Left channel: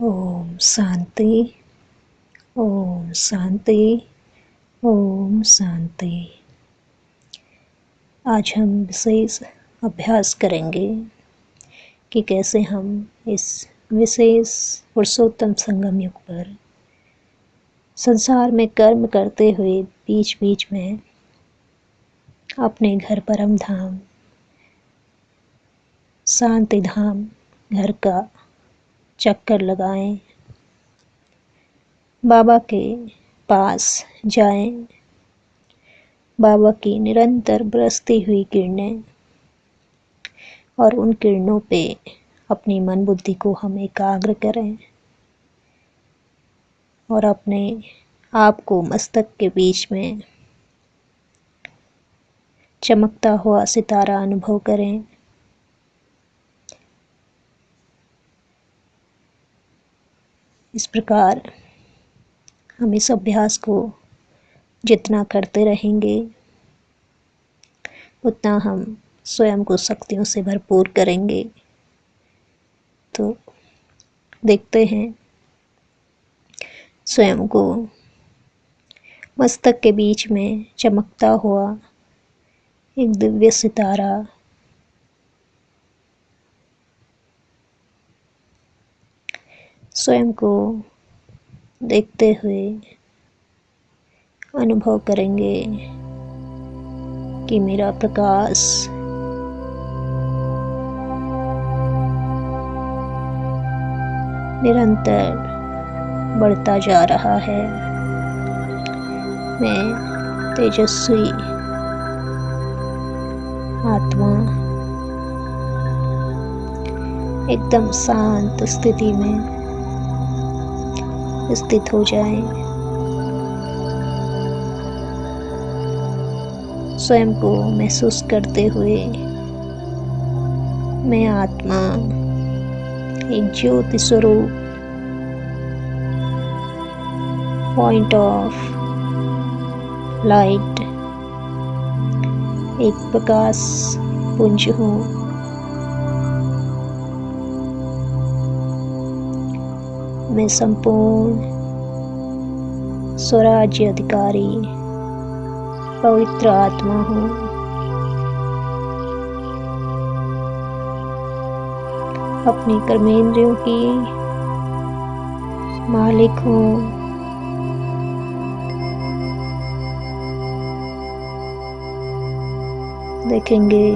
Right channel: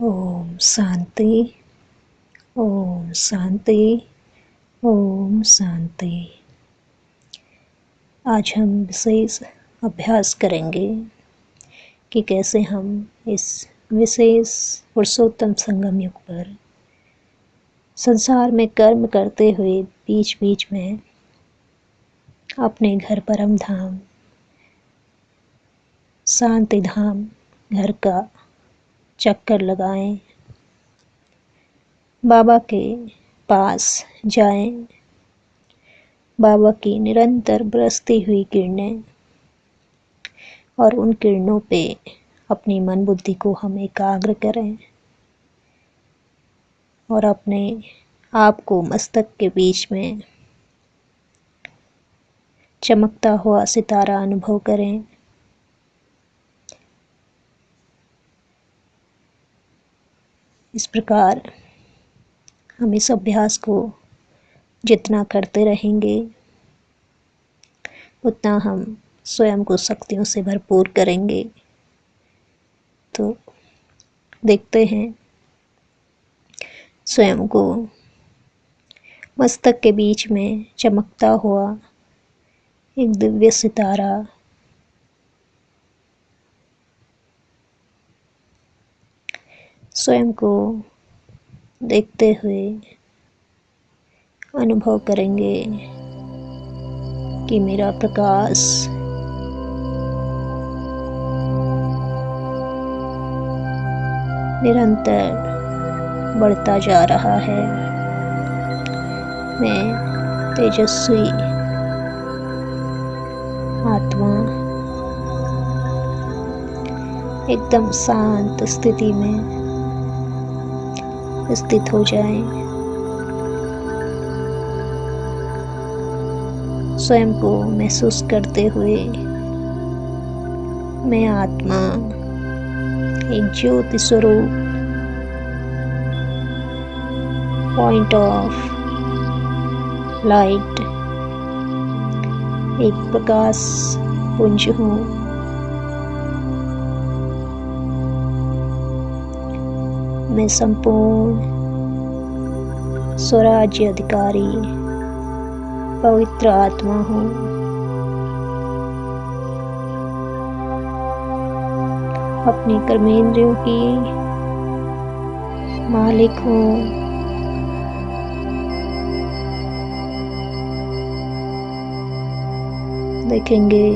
ओम शांति। ओम शांति। ओम शांति। आज हम विशेष अभ्यास करेंगे कि कैसे हम इस विशेष पुरुषोत्तम संगम युग पर संसार में कर्म करते हुए बीच बीच में अपने घर परम धाम शांति धाम घर का चक्कर लगाएं, बाबा के पास जाएं, बाबा की निरंतर बरसती हुई किरणें और उन किरणों पे अपनी मन बुद्धि को हम एकाग्र करें और अपने आप को मस्तक के बीच में चमकता हुआ सितारा अनुभव करें। इस प्रकार हम इस अभ्यास को जितना करते रहेंगे उतना हम स्वयं को शक्तियों से भरपूर करेंगे। तो देखते हैं स्वयं को मस्तक के बीच में चमकता हुआ एक दिव्य सितारा स्वयं को देखते हुए अनुभव करेंगे कि मेरा प्रकाश निरंतर बढ़ता जा रहा है। मैं तेजस्वी आत्मा एकदम शांत स्थिति में स्थित हो जाएं। स्वयं को महसूस करते हुए मैं आत्मा एक ज्योति स्वरूप पॉइंट ऑफ लाइट, एक प्रकाश पुंज हूँ। मैं संपूर्ण स्वराज्य अधिकारी पवित्र आत्मा हूँ। अपने कर्मेंद्रियों की मालिक हूँ। देखेंगे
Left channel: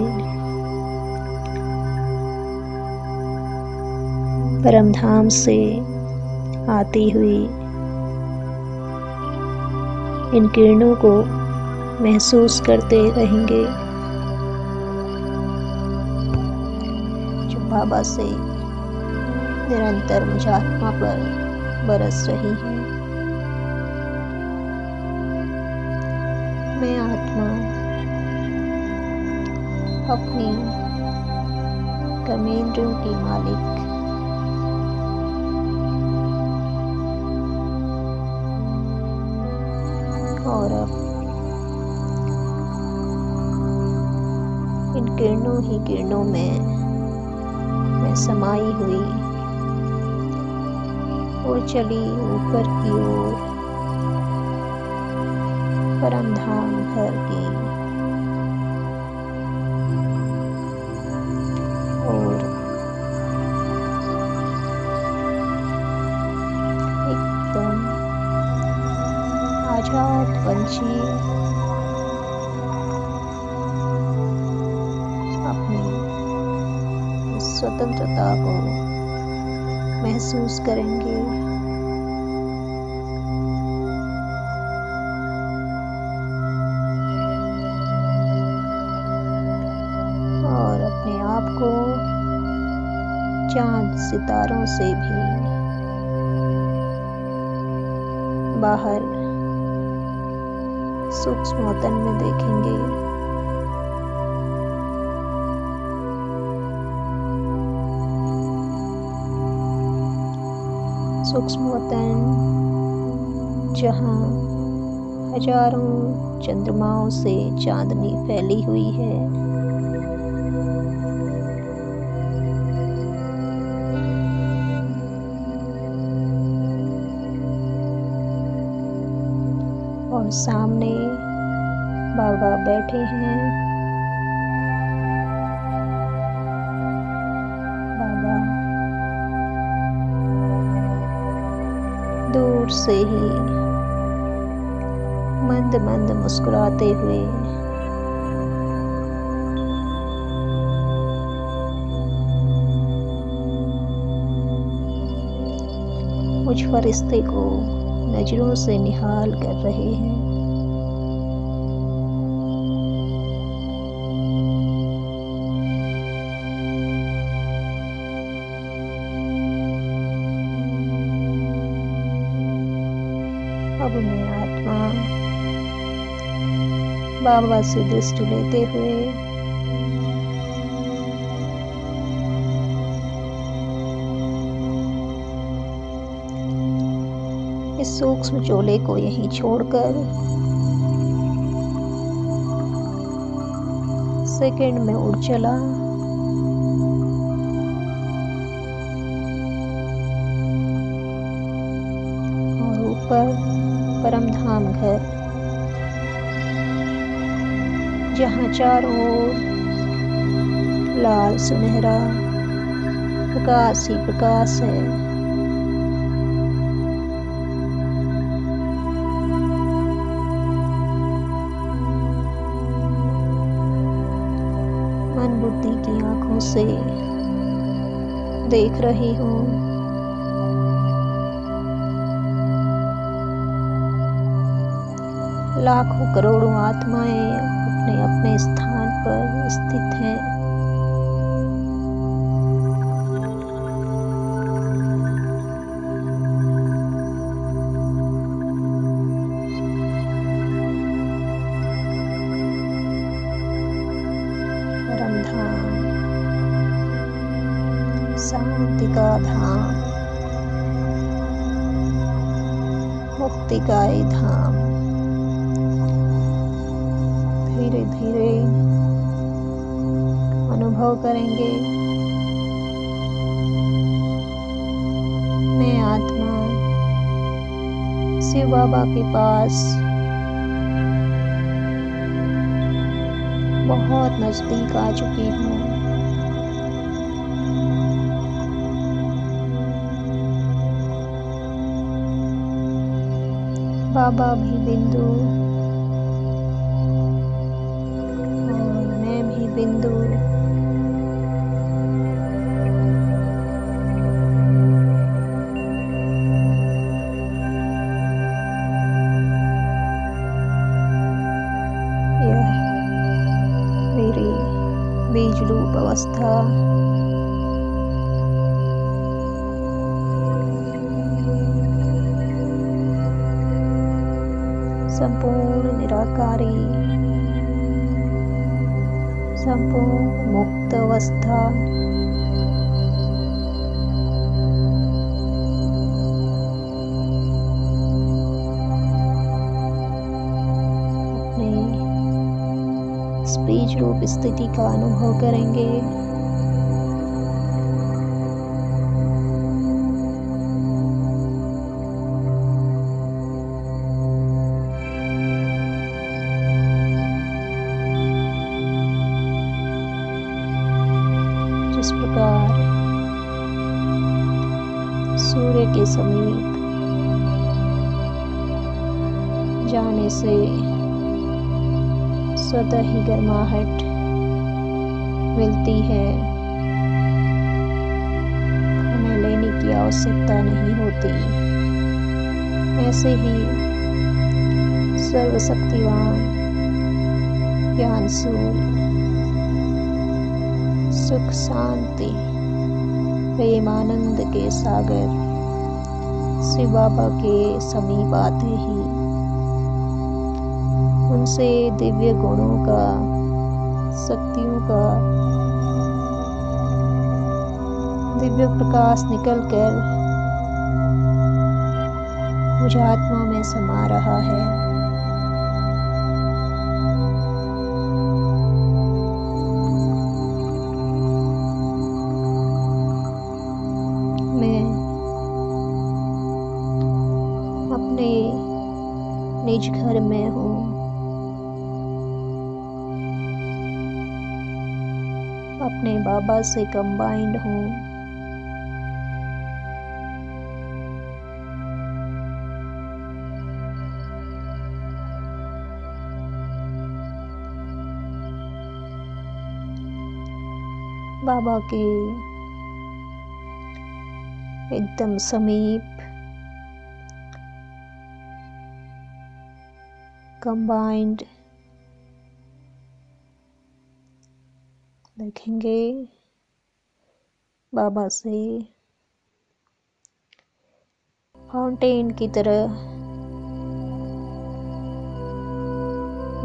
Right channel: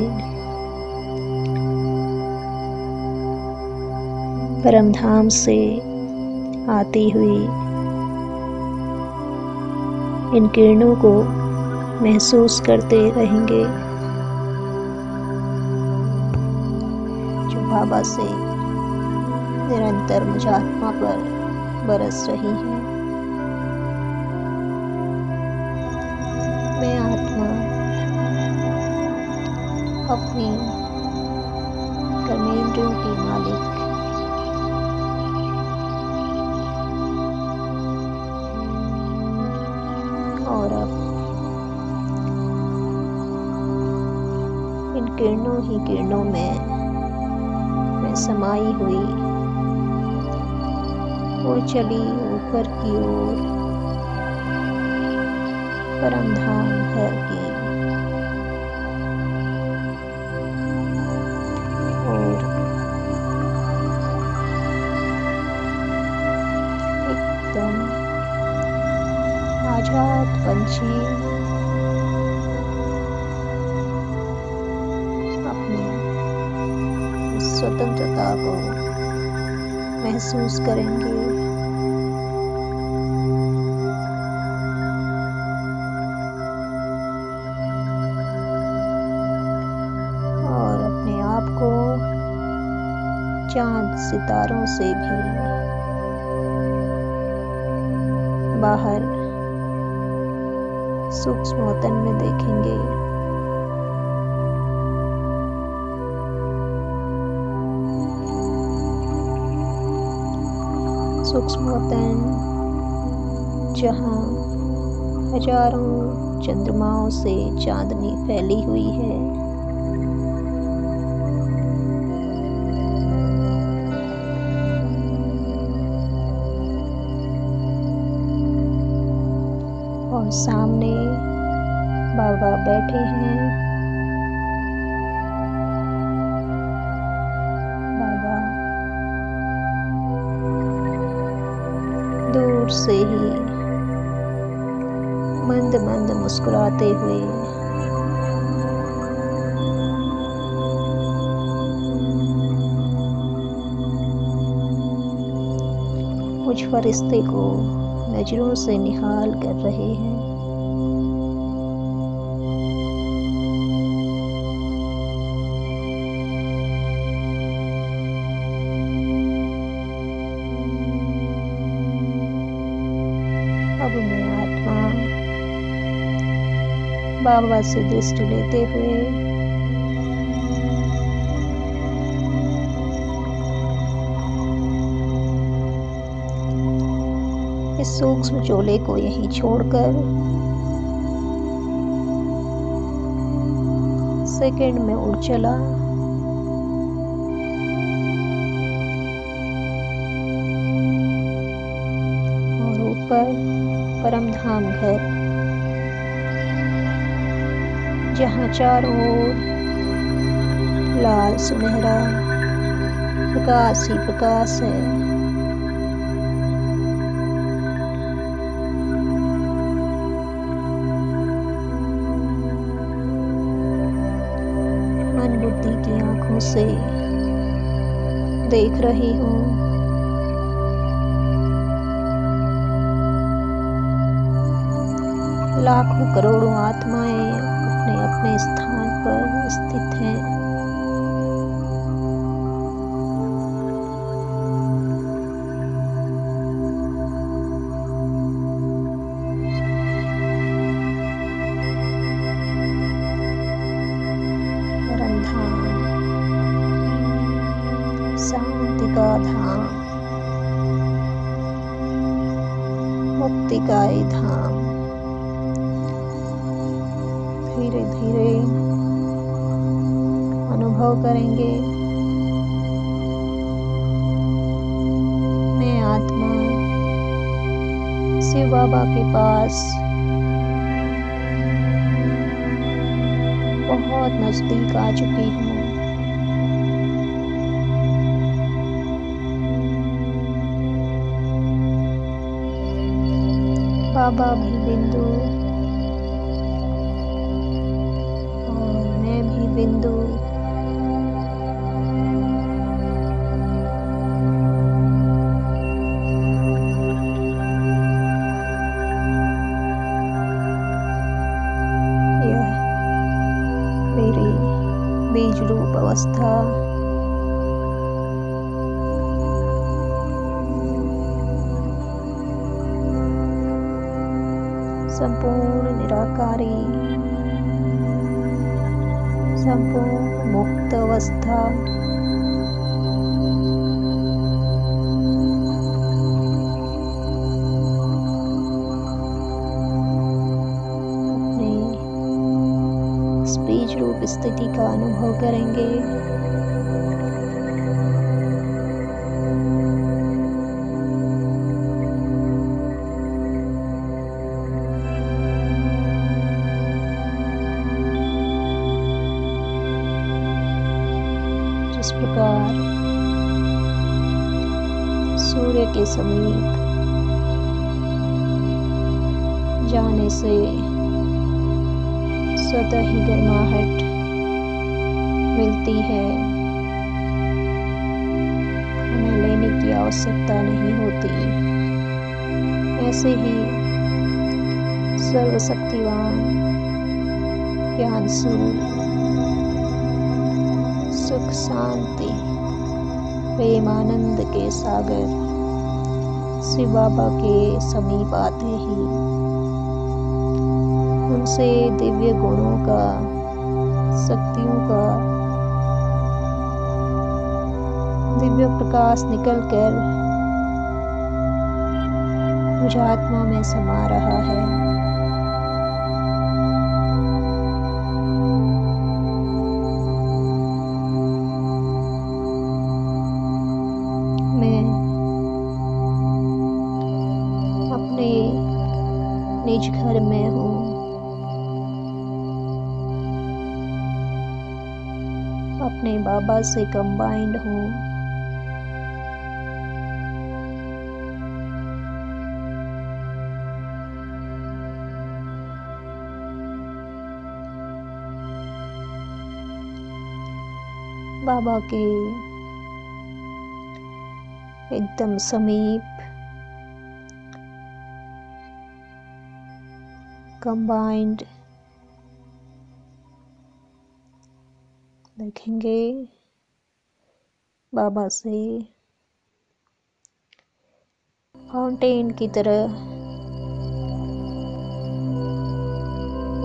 परमधाम से आती हुई इन किरणों को महसूस करते रहेंगे जो बाबा से निरंतर मुझ आत्मा पर बरस रही हैं। मैं आत्मा अपनी कर्मेंद्रियों की मालिक और अब इन किरणों ही किरणों में मैं समाई हुई उड़ चली ऊपर की ओर परमधाम घर की और एकदम आजाद पंछी अपनी स्वतंत्रता को महसूस करेंगे। और अपने आप को चांद सितारों से भी बाहर सूक्ष्म वतन में देखेंगे। सूक्ष्म वतन जहाँ हजारों चंद्रमाओं से चांदनी फैली हुई है। और सामने बाबा बैठे हैं। बाबा दूर से ही मंद मंद मुस्कुराते हुए मुझ फरिश्ते को नजरों से निहाल कर रहे हैं। अब मैं आत्मा बाबा से दृष्टि लेते हुए इस सूक्ष्म चोले को यहीं छोड़कर सेकंड में उड़ चला। और ऊपर परमधाम घर, जहाँ चारों ओर लाल सुनहरा प्रकाश ही प्रकाश है। मन बुद्धि की आंखों से देख रही हूँ लाखों करोड़ों आत्माएं अपने अपने स्थान पर स्थित हैं। परमधाम, शांति का धाम, मुक्ति का ही धाम। धीरे धीरे अनुभव करेंगे। मैं आत्मा शिव बाबा के पास बहुत नजदीक आ चुकी हूँ। बाबा भी बिंदु और मैं भी बिंदु। यह मेरी बीज रूप अवस्था संपूर्ण निराकारी, संपूर्ण मुक्त अवस्था, अपने इस बीज रूप स्थिति का अनुभव करेंगे। जिस प्रकार सूर्य के समीप जाने से स्वतः ही गर्माहट मिलती है, हमें लेने की आवश्यकता नहीं होती, ऐसे ही सर्वशक्तिवान ज्ञान सूर्य सुख शांति प्रेम आनंद के सागर शिव बाबा के समीप आते ही उनसे दिव्य गुणों का, शक्तियों का दिव्य प्रकाश निकलकर मुझ आत्मा में समा रहा है। मैं अपने निज घर में हूँ। अपने बाबा से कंबाइंड हूँ। बाबा के एकदम समीप कंबाइंड देखेंगे। बाबा से फाउंटेन की तरह,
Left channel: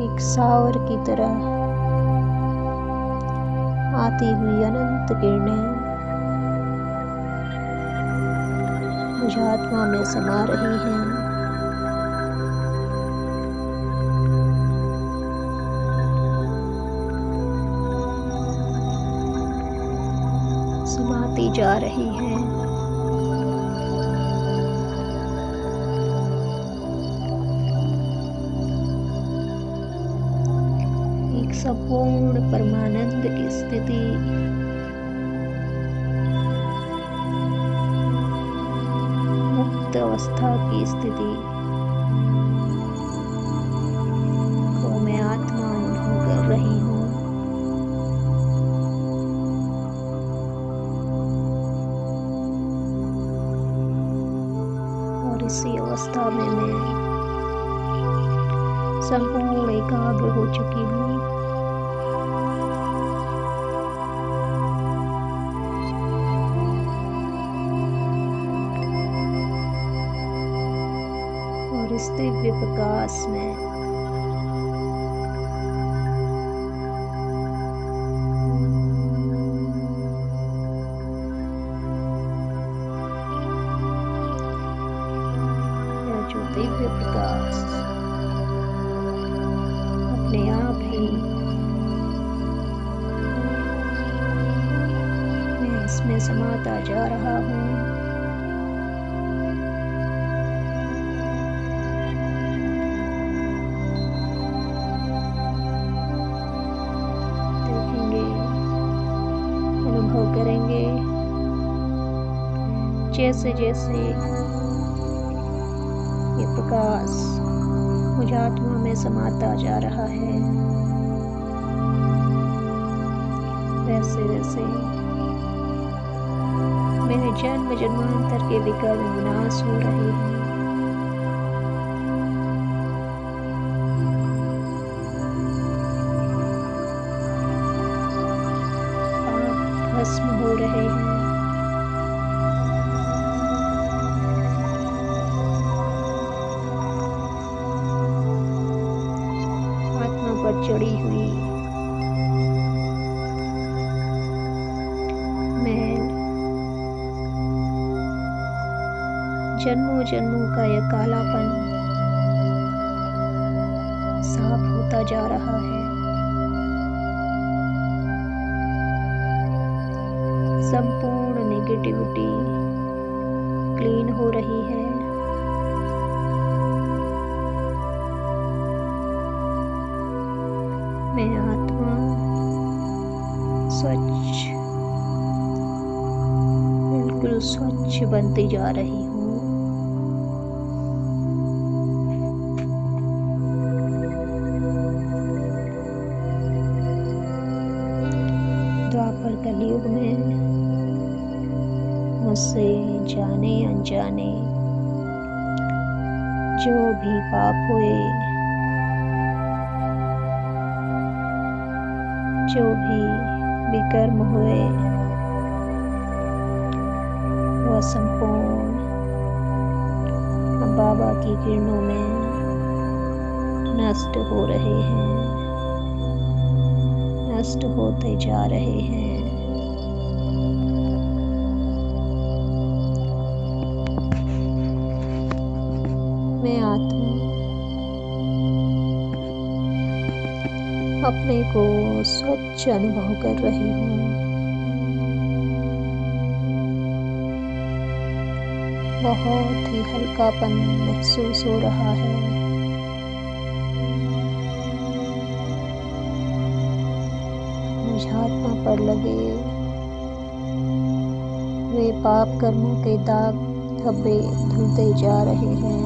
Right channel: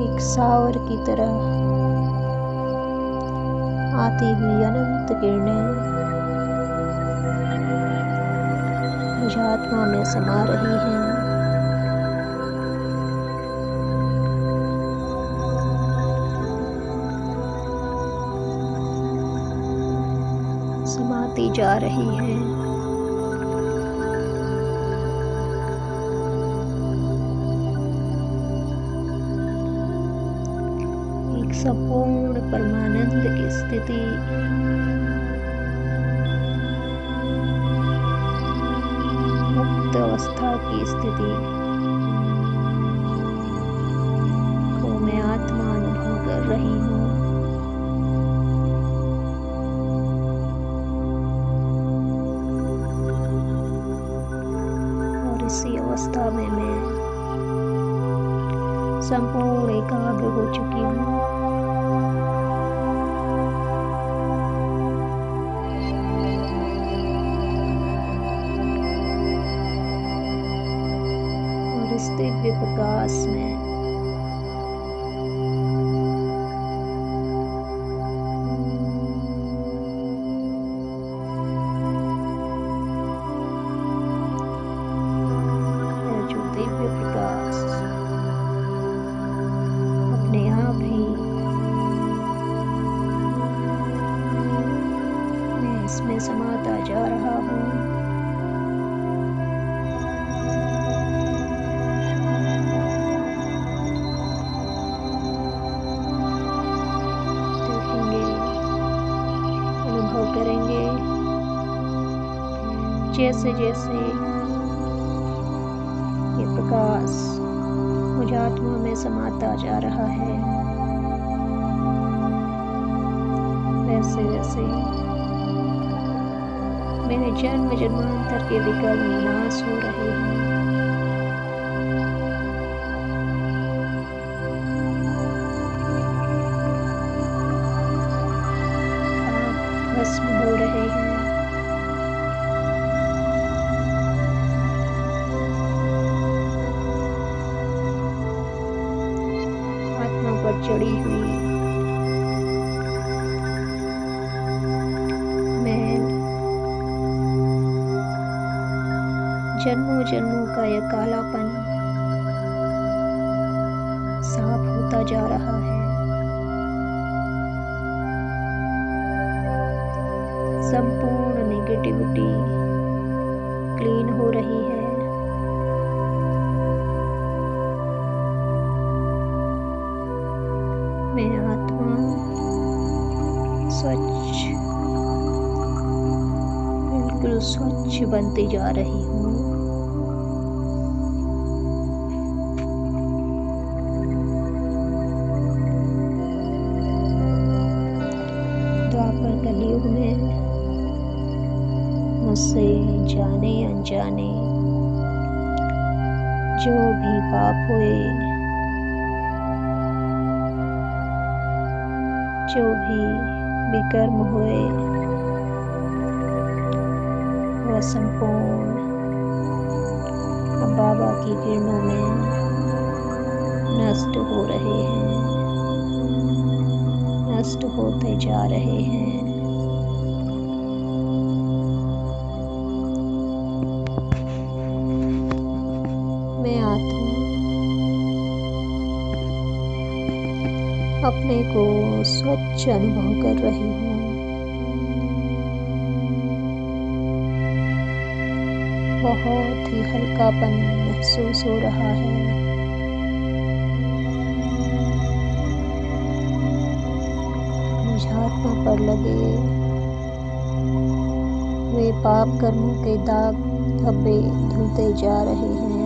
एक शावर की तरह आती हुई अनंत किरणें मुझ आत्मा में समा रही हैं। समाती जा रही हैं। एक संपूर्ण परमानंद की स्थिति, मुक्त अवस्था की स्थिति को मैं आत्मा अनुभव कर रही हूँ। और इसी अवस्था में मैं संपूर्ण एकाग्र हो चुकी हूँ। और इस दिव्य प्रकाश में यह जो दिव्य प्रकाश अपने आप ही मैं इसमें समाता जा रहा हूँ। अनुभव करेंगे जैसे जैसे ये प्रकाश मुझ आत्मा में समाता जा रहा है, वैसे वैसे मेरे जन्म जन्मांतर के विकर्म विनाश हो रहे हैं। भस्म हो रहे हैं। आत्मा पर चढ़ी हुई मैल, जन्मों जन्मों का यह कालापन साफ होता जा रहा है। संपूर्ण नेगेटिविटी क्लीन हो रही है। मैं आत्मा स्वच्छ, बिल्कुल स्वच्छ बनती जा रही हूँ। द्वापर कलयुग में मुझसे जाने अनजाने जो भी पाप हुए, जो भी विकर्म हुए, वह संपूर्ण बाबा की किरणों में नष्ट हो रहे हैं, नष्ट होते जा रहे हैं। मैं आत्मा अपने को स्वच्छ अनुभव कर रही हूँ। बहुत ही हल्कापन महसूस हो रहा है। मुझ आत्मा पर लगे वे पाप कर्मों के दाग धब्बे धुलते जा रहे हैं।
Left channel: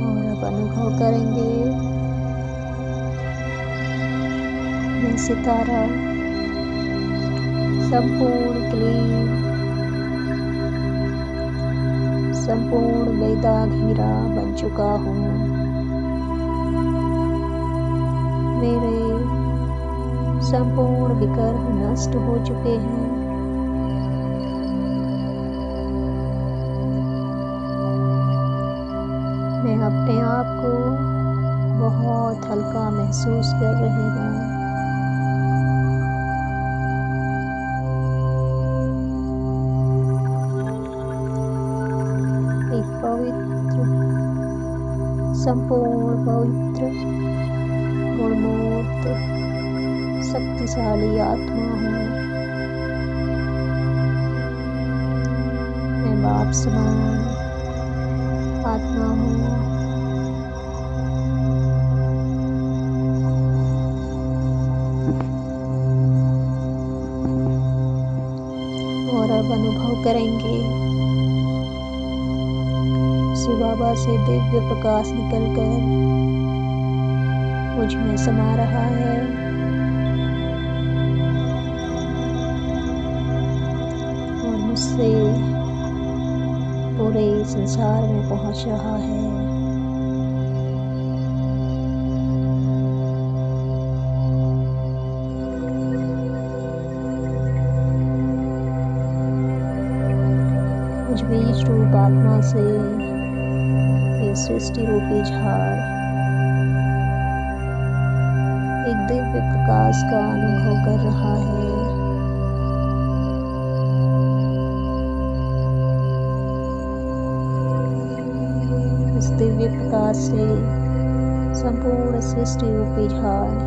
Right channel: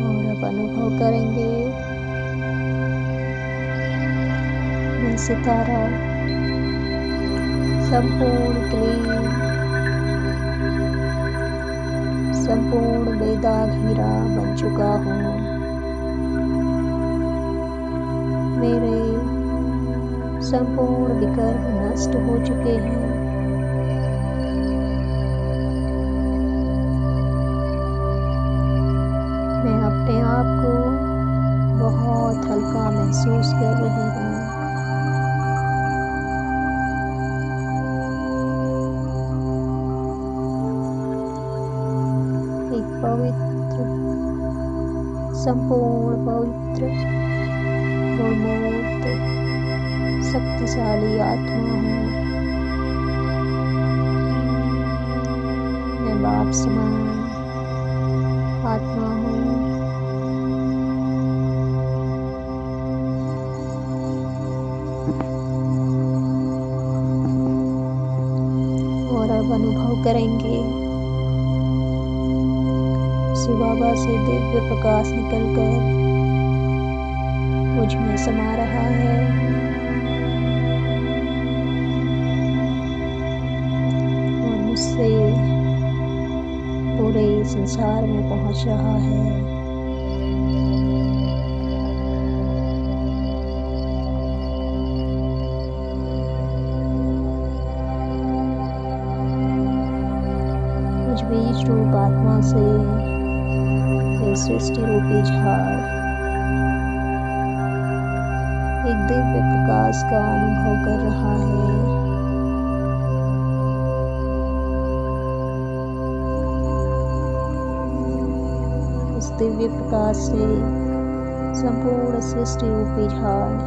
और अब अनुभव करेंगे मैं सितारा संपूर्ण क्लीन, संपूर्ण बेदाग हीरा बन चुका हूँ। मेरे संपूर्ण विकर्म नष्ट हो चुके हैं। मैं अपने आप को बहुत हल्का महसूस कर रही हूँ। एक पवित्र, संपूर्ण पवित्र, गुणमूर्त, शक्तिशाली आत्मा हूँ। मैं बाप समान आत्मा हूँ। और अब अनुभव करेंगे शिव बाबा से दिव्य प्रकाश निकलकर मुझ में समा रहा है और मुझसे पूरे संसार में पहुंच रहा है। मुझ बीज रूप आत्मा से ये सृष्टि रूपी झाड़ एक दिव्य प्रकाश का अनुभव कर रहा है। इस दिव्य प्रकाश से संपूर्ण सृष्टि रूपी झाड़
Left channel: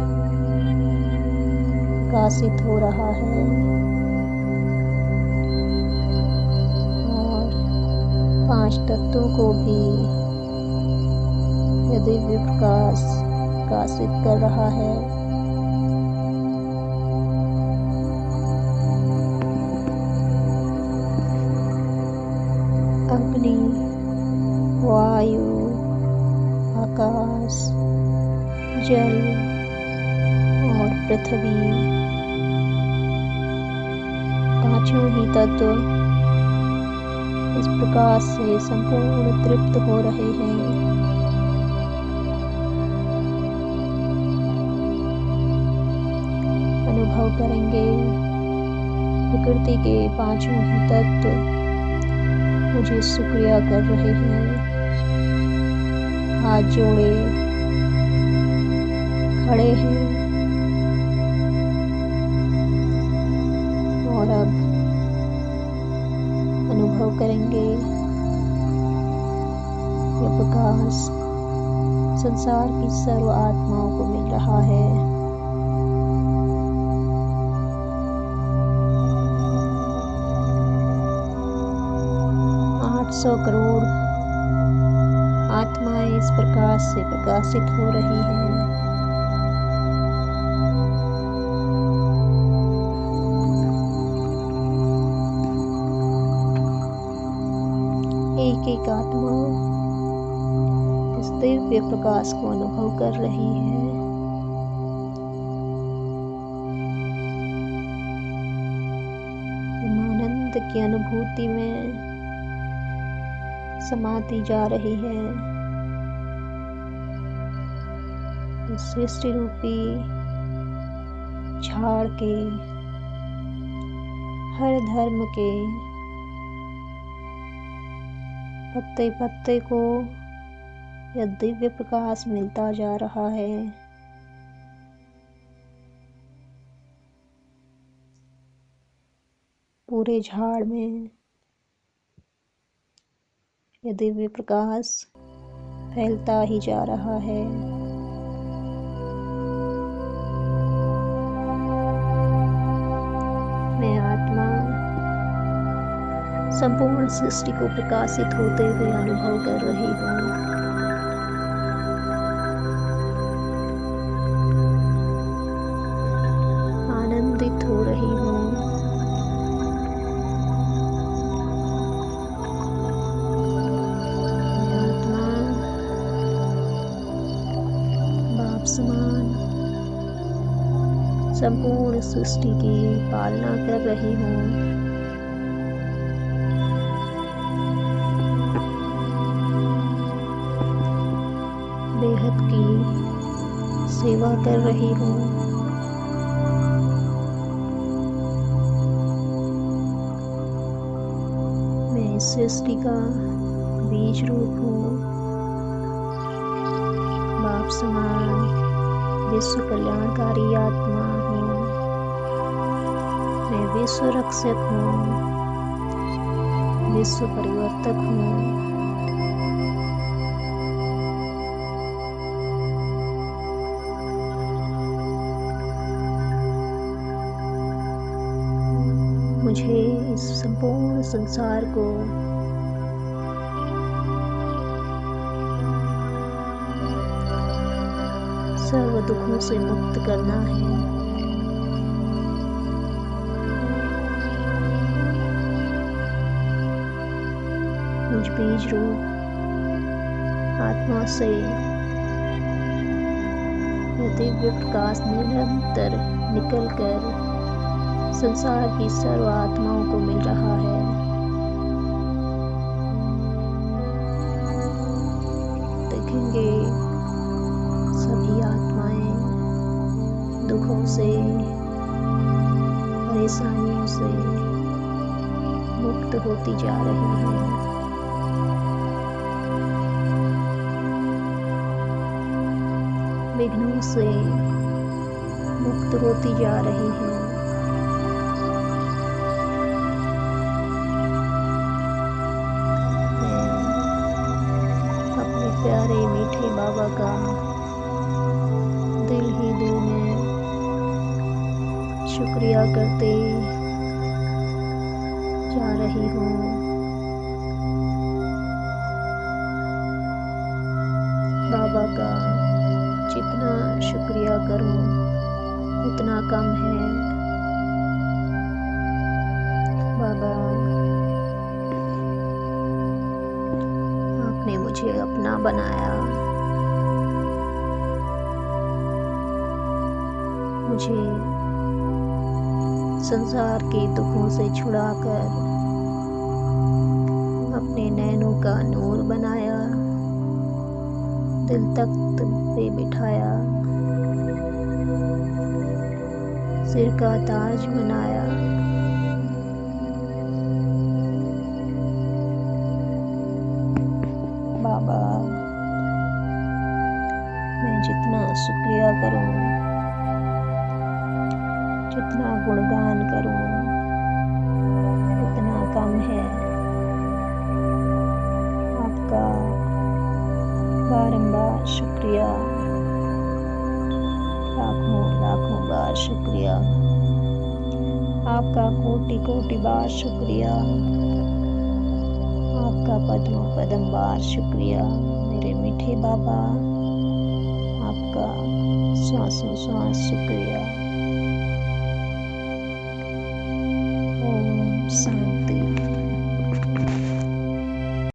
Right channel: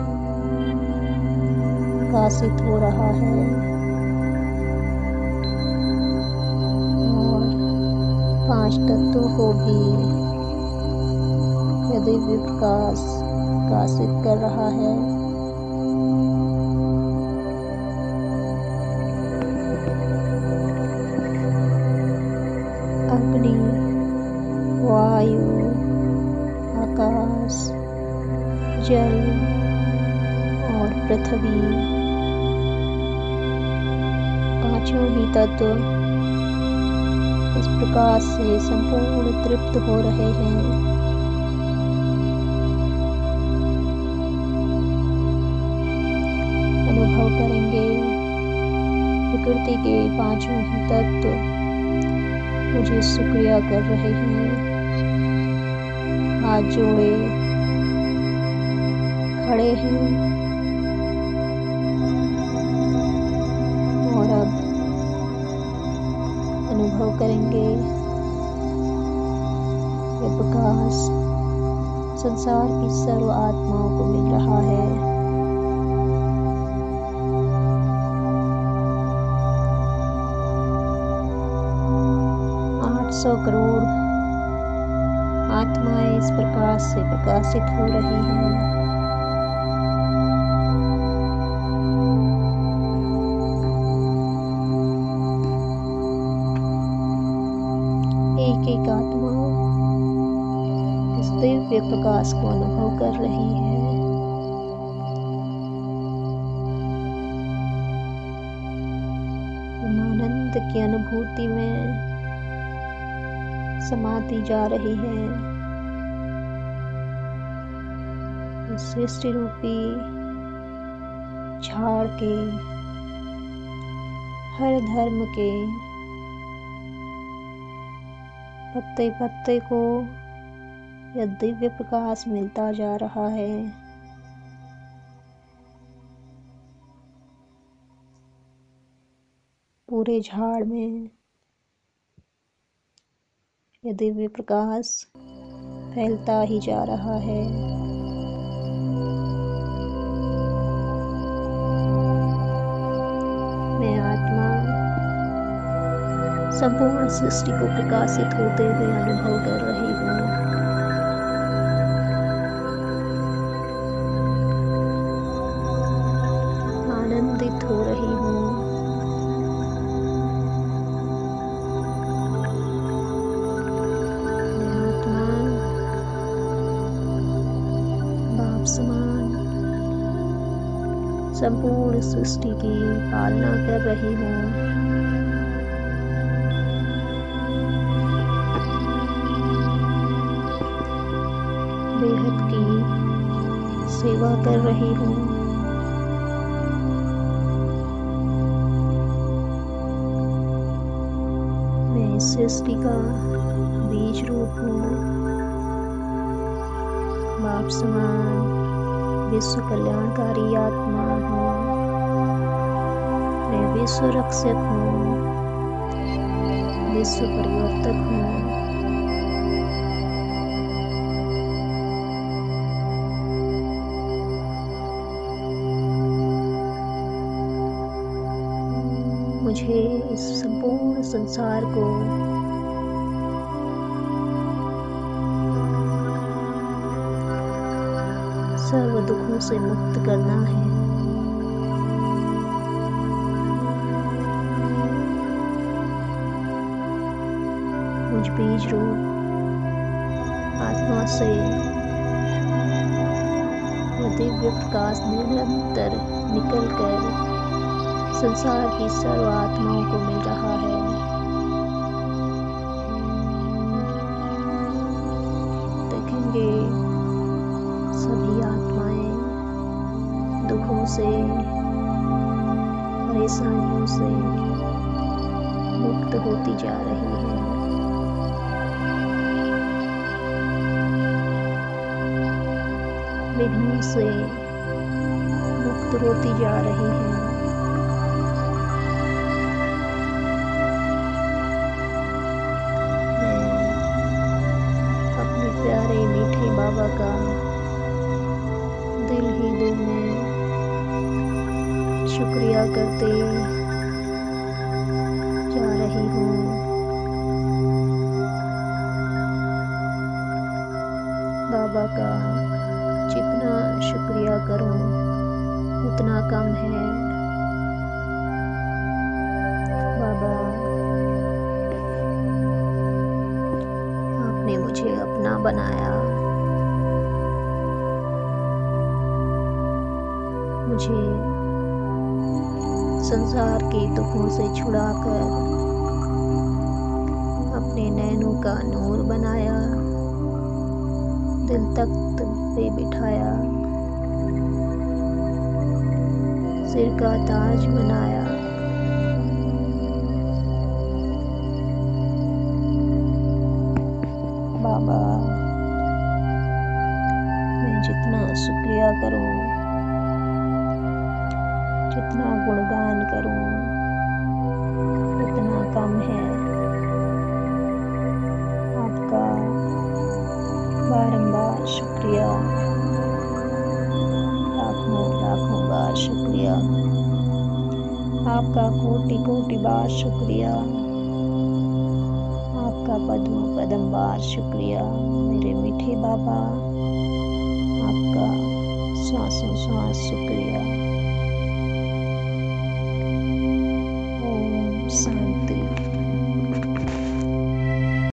प्रकाशित हो रहा है और 5 तत्वों को भी यह दिव्य प्रकाश प्रकाशित कर रहा है। अग्नि, वायु, आकाश, जल और पृथ्वी, पांचों ही तत्व इस प्रकाश से संपूर्ण तृप्त हो रहे हैं। अनुभव करेंगे प्रकृति के पांचों ही तत्व मुझे शुक्रिया कर रहे हैं। हाथ जोड़े खड़े हैं और अब अनुभव करेंगे यह प्रकाश संसार की सर्व आत्माओं को मिल रहा है। 800 करोड़ आत्माएं इस प्रकाश से प्रकाशित हो रही हैं। एक एक आत्मा इस दिव्य प्रकाश को अनुभव कर रही है। आनंद की अनुभूति में समाती जा रही है। इस सृष्टि रूपी झाड़ के हर धर्म के पत्ते पत्ते को यह दिव्य प्रकाश मिलता जा रहा है। पूरे झाड़ में यह दिव्य प्रकाश फैलता ही जा रहा है। मैं आत्मा संपूर्ण सृष्टि को प्रकाशित होते हुए अनुभव कर रही हूँ। आनंदित हो रही हूँ। मैं आत्मा बाप समान संपूर्ण सृष्टि की पालना कर रही हूँ। बेहद की सेवा कर रही हूँ। मैं इस सृष्टि का बीज रूप हूँ। बाप समान विश्व कल्याणकारी आत्मा हूँ। मैं विश्व रक्षक हूँ, विश्व परिवर्तक हूँ। मुझे इस संपूर्ण संसार को सर्व दुखों से मुक्त करना है। मुझ बीज रूप आत्मा से यह दिव्य प्रकाश निरंतर निकलकर संसार की सर्व आत्माओं को मिल रहा है। देखेंगे सभी आत्माएं दुखों से, परेशानियों से मुक्त होती जा रही हैं। विघ्नों से मुक्त होती जा रही हैं। अपने प्यारे मीठे बाबा का दिल ही दिल में शुक्रिया करते जा रही हूँ। बाबा का जितना शुक्रिया करूँ उतना कम है। बाबा, आपने मुझे अपना बनाया, मुझे संसार के दुखों से छुड़ाकर अपने नैनों का नूर बनाया, दिल तख्त पे बिठाया, सिर का ताज बनाया। बाबा, मैं जितना शुक्रिया करूं, जितना गुणगान करूं उतना कम है। आपका बारंबार शुक्रिया, लाखों लाखों बार शुक्रिया, आपका कोटि कोटि बार शुक्रिया, आपका पद्मों पद्म बार शुक्रिया मेरे मीठे बाबा। आपका श्वासों श्वास शुक्रिया।